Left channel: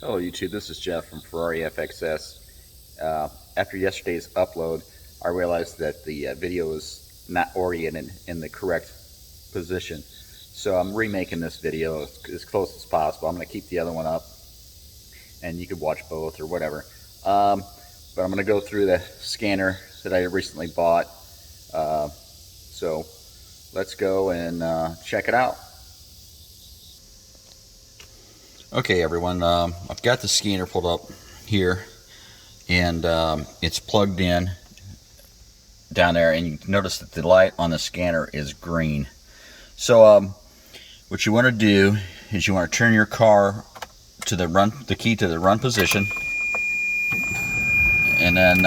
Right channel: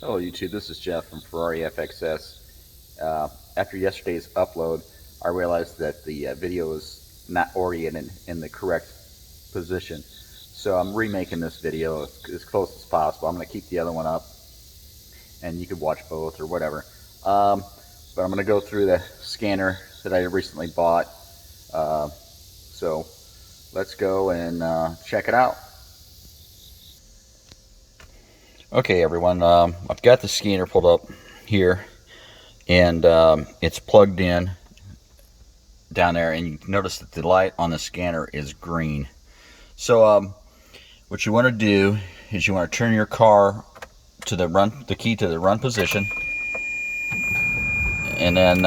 Hello YouTube, this is Jeff from Ferrari FXS. After yesterday's upload, I realized that the video is not oriented in the correct position. So I'm remaking this video as close as possible. I'm going to keep the other one up and you can watch both or whatever. But I'm going to go through the scanner that I recently bought. So let's go and check it out. Okay everyone, I've got the scanner pulled up here and it's plugged in down there, and you notice that the light on the scanner is green. So what you want to do is you want to turn your car to the key to the run position, and then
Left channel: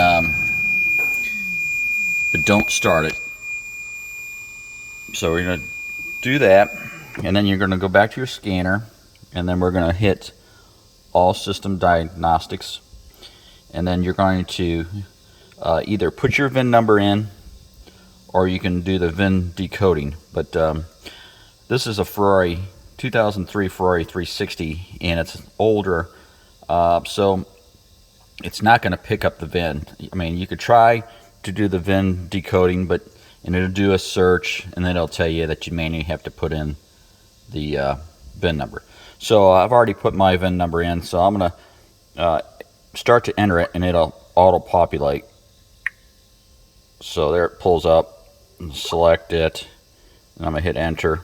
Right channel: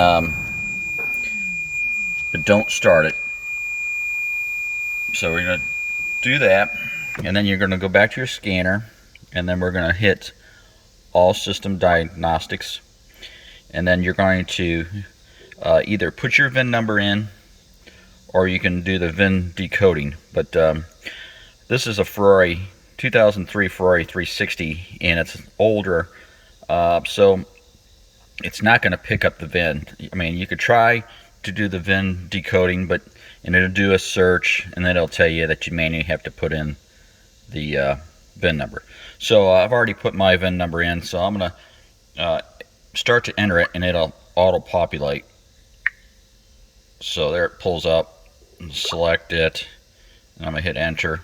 but don't start it. So we're going to do that, and then you're going to go back to your scanner, and then we're going to hit all system diagnostics, and then you're going to either put your VIN number in or you can do the VIN decoding. But this is a Ferrari 2003 Ferrari 360 and it's older, so it's not going to pick up the VIN. I mean, you could try to do the VIN decoding, but it'll do a search and then it'll tell you that you manually have to put in the VIN number. So I've already put my VIN number in, so I'm going to start to enter it and it'll auto-populate. So there it pulls up, select it, and I'm going to hit enter.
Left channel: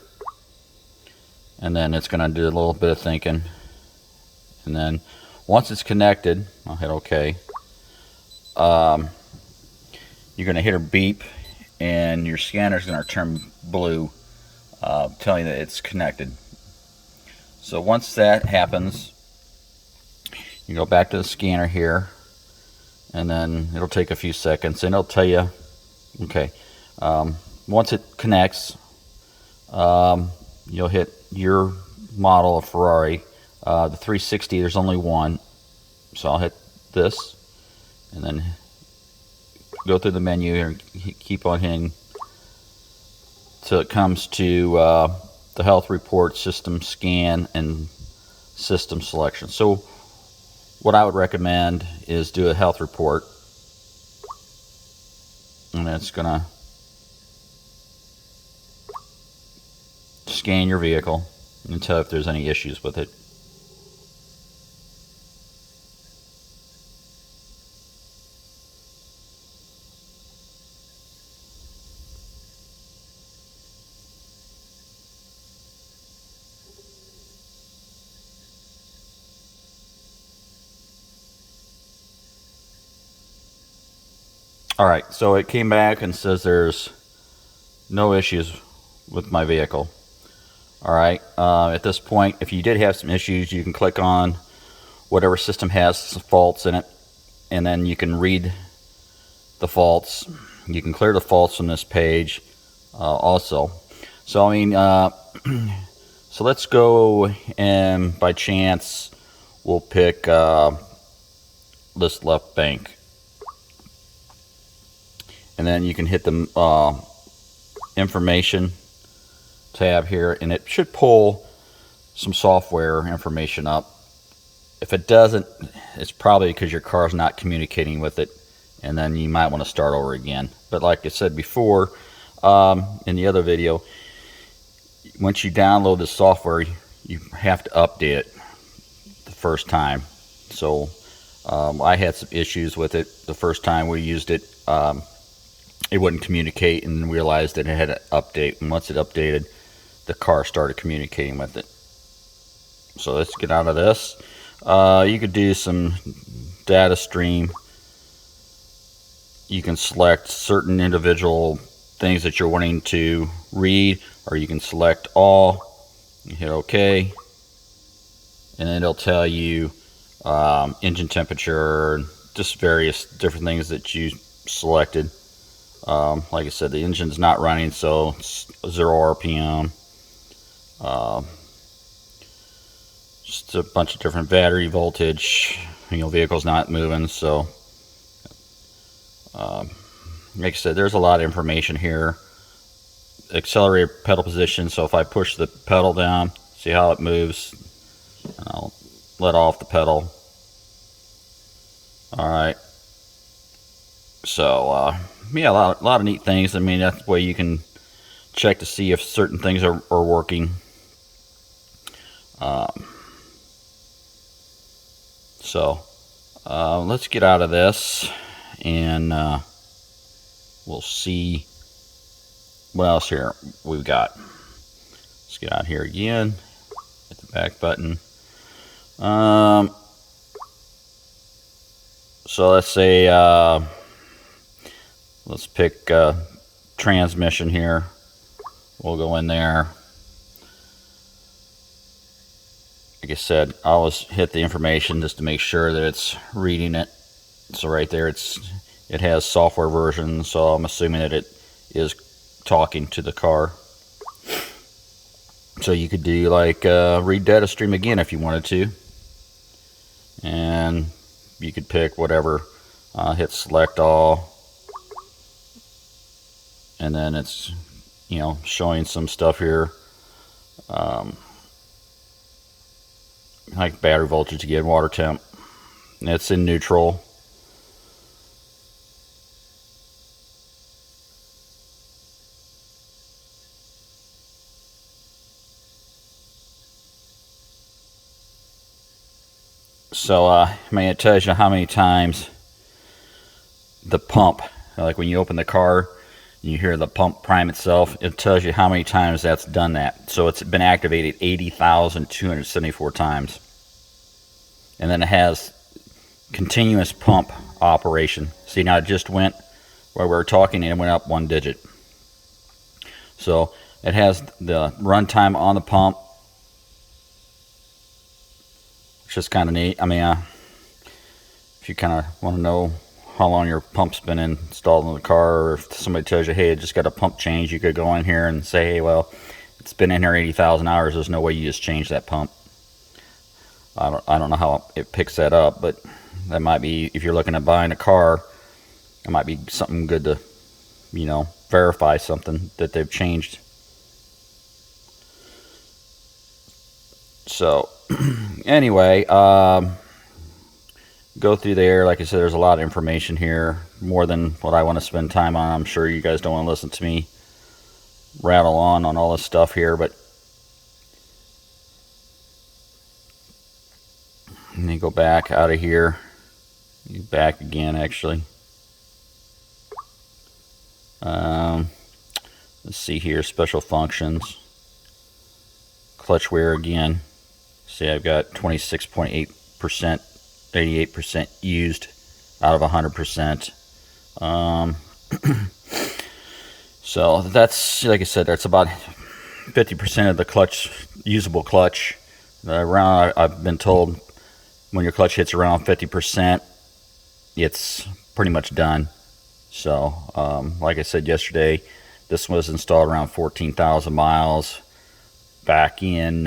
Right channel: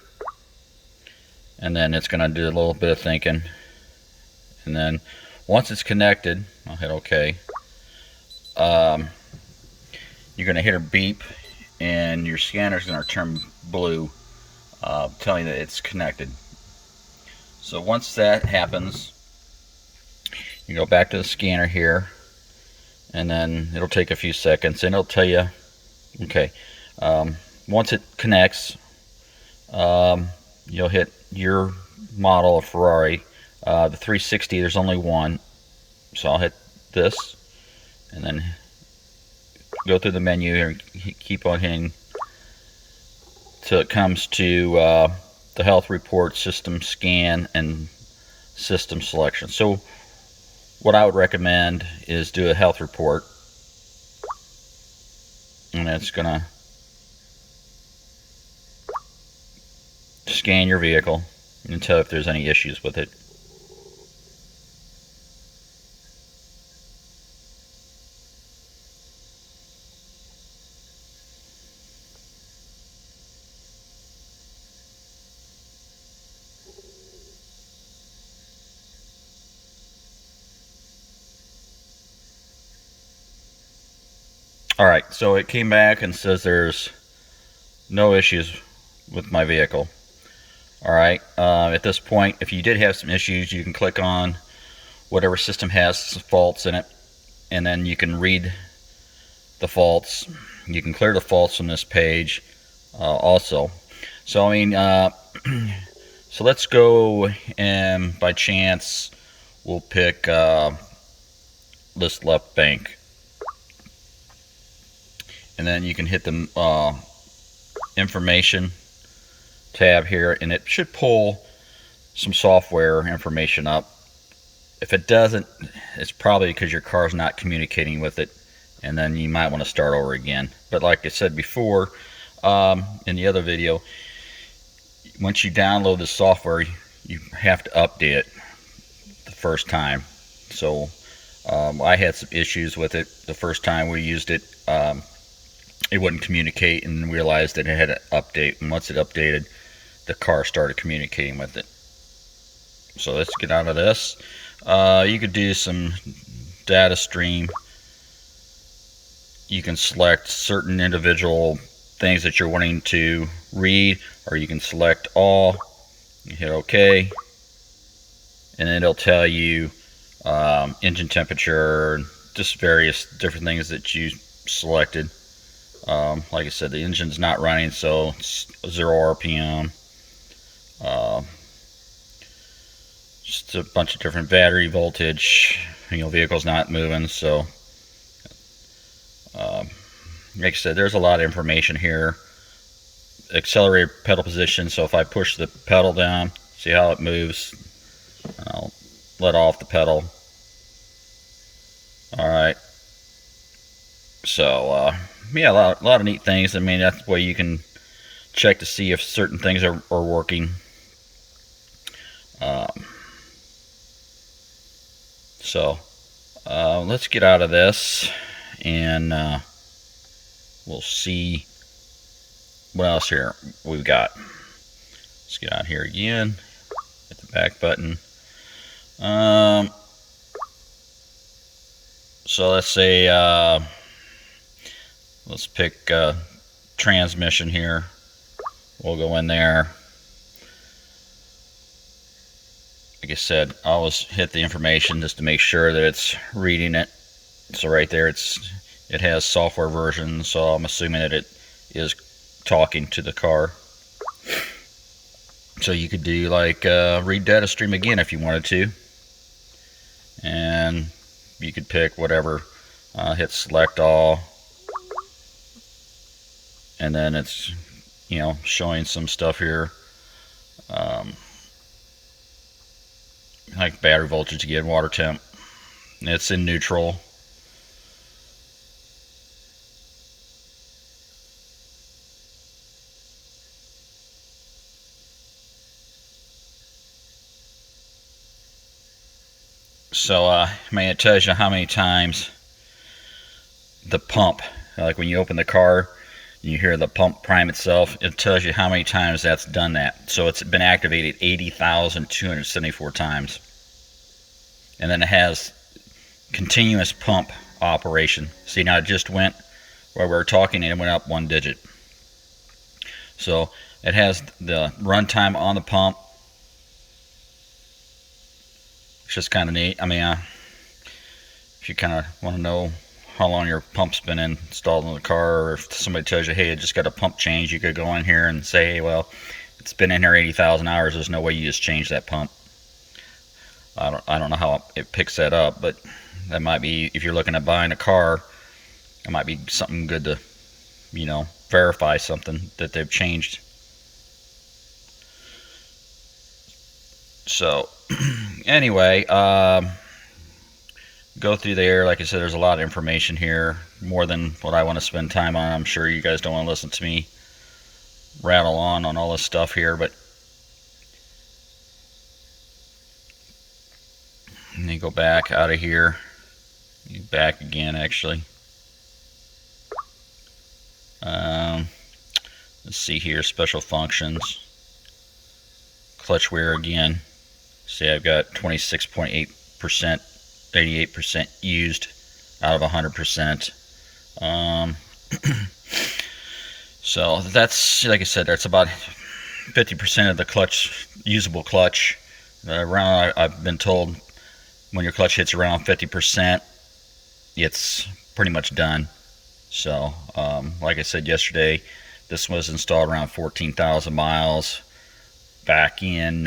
And then it's going to do a little bit of thinking. And then once it's connected, I'll hit OK. You're going to hit a beep and your scanner is going to turn blue, telling you that it's connected. So once that happens, you go back to the scanner here, and then it'll take a few seconds and it'll tell you, okay, once it connects, you'll hit your model of Ferrari. The 360, there's only one, so I'll hit this and then go through the menu and keep on hitting till it comes to the health report, system scan, and system selection. So what I would recommend is do a health report, and it's gonna scan your vehicle and tell if there's any issues with it. Alright, so it came back and says there's no issues with my vehicle. Alright, at this point, if you did have some issues, you can click on whatever system has some faults in it, and then you can read the faults. You can clear the faults from this page also. So, I mean, so let's go and by chance we'll pick this left bank. And then you can hit the information tab here, and it should pull some software information up. If it doesn't, it's probably because your car's not communicating with it, and then you might want to start over again. But like I said before in the other video, once you download the software, you have to update it the first time. So I had some issues with it the first time we used it. It wouldn't communicate, and realized that it had to update, and once it updated, the car started communicating with it. So let's get out of this. You could do some data stream. You can select certain individual things that you're wanting to read, or you can select all. You hit OK, and then it'll tell you engine temperature and just various different things that you selected. Like I said, the engine's not running, so it's 0 RPM. Just a bunch of different battery voltage. Vehicle's not moving, so like I said, there's a lot of information here. Accelerator pedal position, so if I push the pedal down, see how it moves. I'll let off the pedal. All right. So yeah, a lot of neat things. I mean, that's the way you can check to see if certain things are working. So let's get out of this, and we'll see what else here we've got. Let's get out here again. Hit the back button. So let's say let's pick transmission here. We'll go in there. Like I said, I always hit the information just to make sure that it's reading it. So right there, it has software version, so I'm assuming that it is talking to the car. So you could do like read data stream again if you wanted to, and you could pick whatever. Hit select all, and then it's showing some stuff here. Like battery voltage again, water temp. It's in neutral. So I mean, it tells you how many times the pump, like when you open the car and you hear the pump prime itself, it tells you how many times that's done that. So it's been activated 80,274 times. And then it has continuous pump operation. See, now it just went, while we were talking, and it went up 1 digit. So it has the runtime on the pump, which is kind of neat. I mean, if you kind of want to know how long your pump's been installed in the car, or if somebody tells you, hey, it just got a pump change, you could go in here and say, hey, well, it's been in here 80,000 hours. There's no way you just change that pump. I don't know how it picks that up, but that might be, if you're looking at buying a car, it might be something good to, verify something that they've changed. So anyway, go through there. Like I said, there's a lot of information here, more than what I want to spend time on. I'm sure you guys don't want to listen to me rattle on all this stuff here, but and then go back out of here. Back again, actually. Let's see here, special functions. Clutch wear again. See, I've got 26.8%, 88% used out of 100%. So that's, like I said, that's about 50% of the clutch, usable clutch. Around, I've been told, when your clutch hits around 50%, it's pretty much done. So, like I said yesterday, this was installed around 14,000 miles back in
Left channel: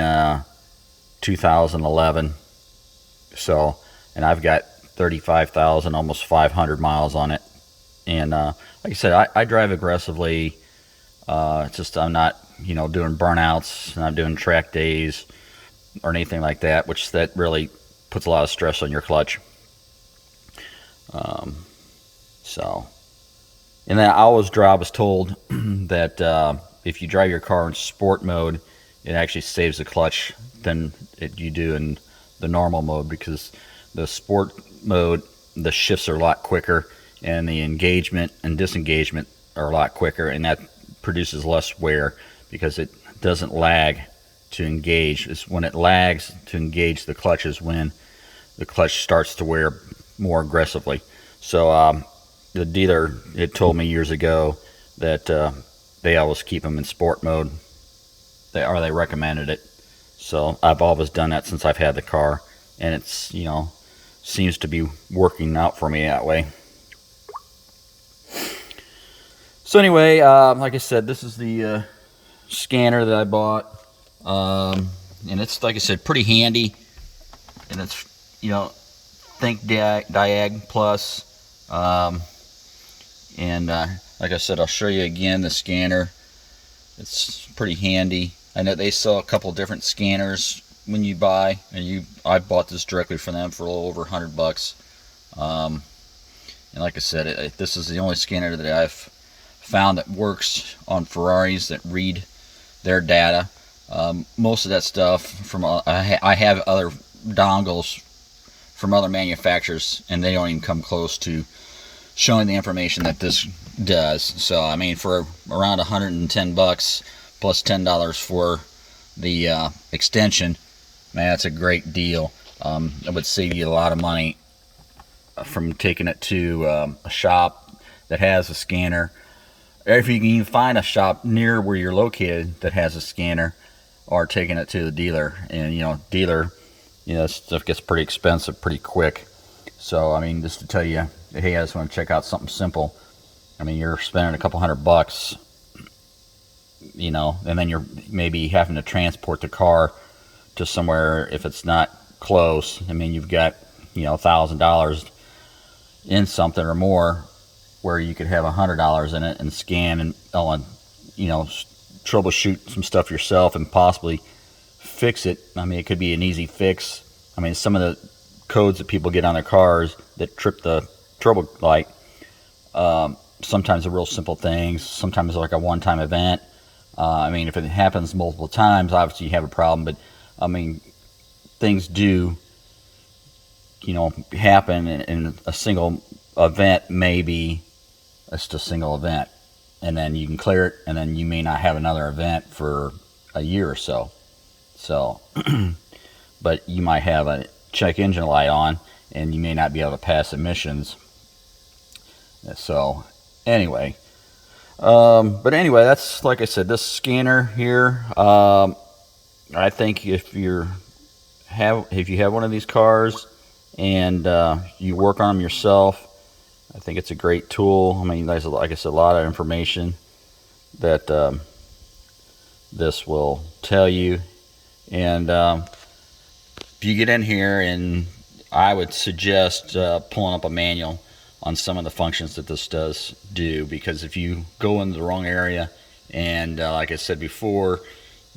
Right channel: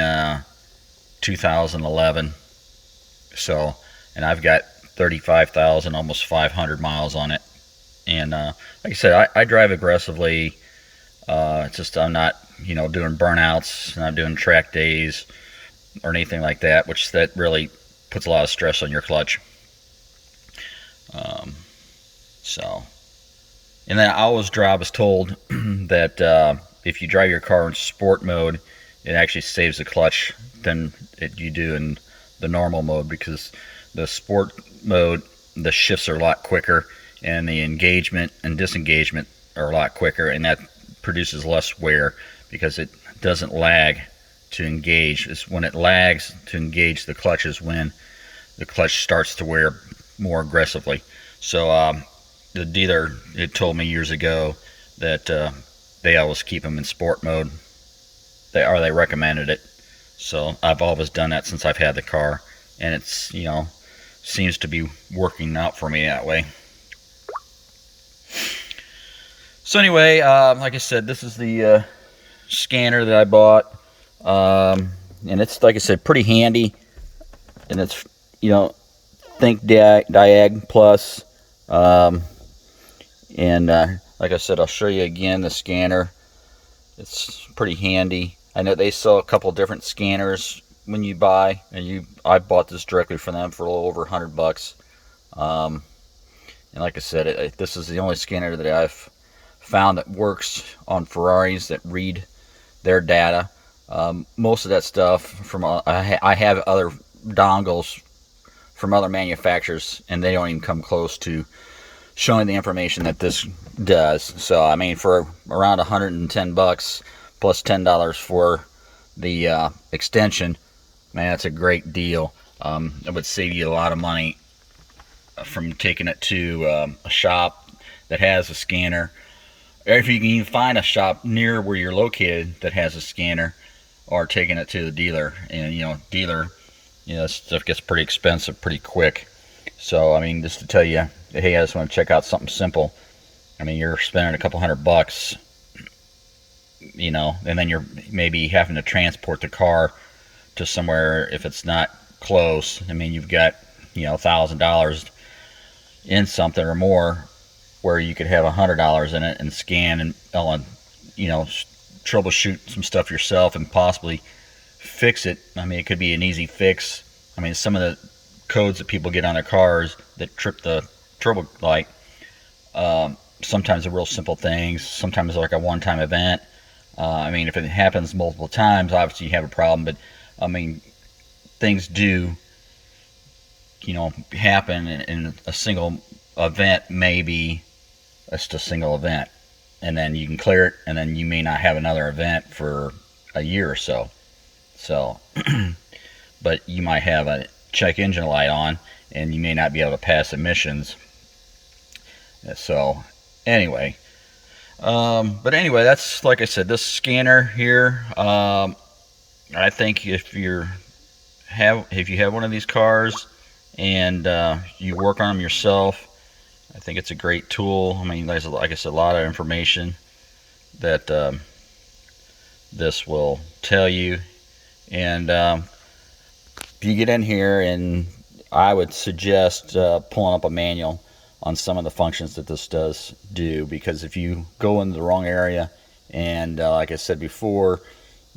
2011. So, and I've got 35,000, almost 500 miles on it. And like I said, I drive aggressively. Just I'm not, doing burnouts, not doing track days or anything like that, which that really puts a lot of stress on your clutch. So, and then I was told that if you drive your car in sport mode, it actually saves the clutch than you do in the normal mode, because the sport mode, the shifts are a lot quicker, and the engagement and disengagement are a lot quicker, and that produces less wear because it doesn't lag to engage. It's when it lags to engage the clutch is when the clutch starts to wear more aggressively. So the dealer had told me years ago that they always keep them in sport mode. They recommended it. So I've always done that since I've had the car, and it's seems to be working out for me that way. So anyway, like I said, this is the scanner that I bought, and it's, like I said, pretty handy, and it's thinkdag plus, and like I said, I'll show you again the scanner. It's pretty handy. I know they sell a couple different scanners when you buy, and I bought this directly from them for a little over $100. And like I said, this is the only scanner that I've found that works on Ferraris that read their data. Most of that stuff from I have other dongles from other manufacturers, and they don't even come close to showing the information that this does. So I mean, for around $110 plus $10 for the extension, man, that's a great deal. It would save you a lot of money from taking it to a shop that has a scanner, or if you can even find a shop near where you're located that has a scanner, or taking it to the dealer. And dealer, this stuff gets pretty expensive pretty quick. So I mean, just to tell you, hey, I just want to check out something simple. I mean, you're spending a couple $100, and then you're maybe having to transport the car to somewhere if it's not close. I mean, you've got $1,000 in something or more, where you could have $100 in it and scan and troubleshoot some stuff yourself and possibly fix it. I mean, it could be an easy fix. I mean, some of the codes that people get on their cars that trip the turbo light, sometimes are real simple things, sometimes like a one-time event. I mean, if it happens multiple times, obviously you have a problem, but I mean, things do happen in a single event. Maybe it's just a single event, and then you can clear it, and then you may not have another event for a year or so. But you might have a check engine light on, and you may not be able to pass emissions. So anyway, that's, like I said, this scanner here, I think if you have one of these cars and you work on them yourself, I think it's a great tool. I mean, there's, like I said, a lot of information that this will tell you. And if you get in here, and I would suggest pulling up a manual on some of the functions that this does do, because if you go into the wrong area and like I said before,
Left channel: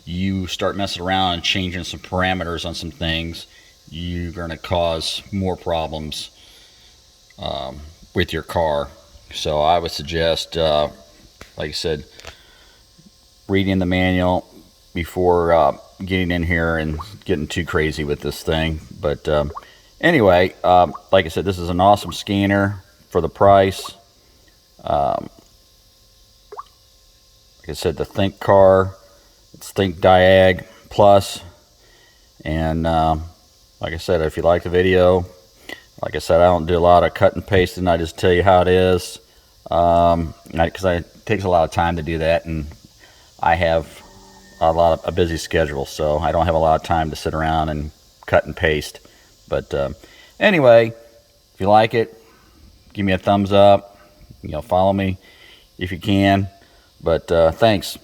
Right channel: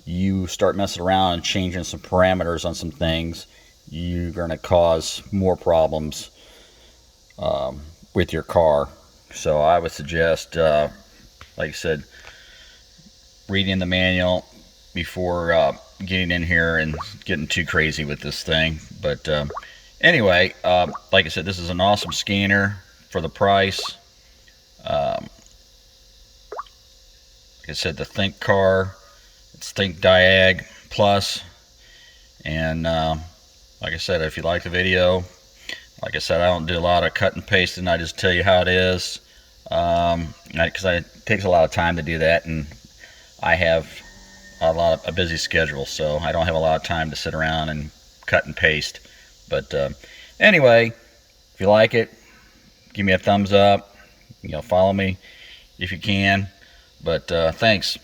you start messing around and changing some parameters on some things, you're going to cause more problems with your car. So I would suggest, like I said, reading the manual before getting in here and getting too crazy with this thing. But anyway, like I said, this is an awesome scanner for the price. Like I said, the Think car, it's thinkdag plus. And like I said, if you like the video, like I said, I don't do a lot of cut and pasting. I just tell you how it is, because it takes a lot of time to do that, and I have a busy schedule, so I don't have a lot of time to sit around and cut and paste. But anyway, if you like it, give me a thumbs up. Follow me if you can. But thanks.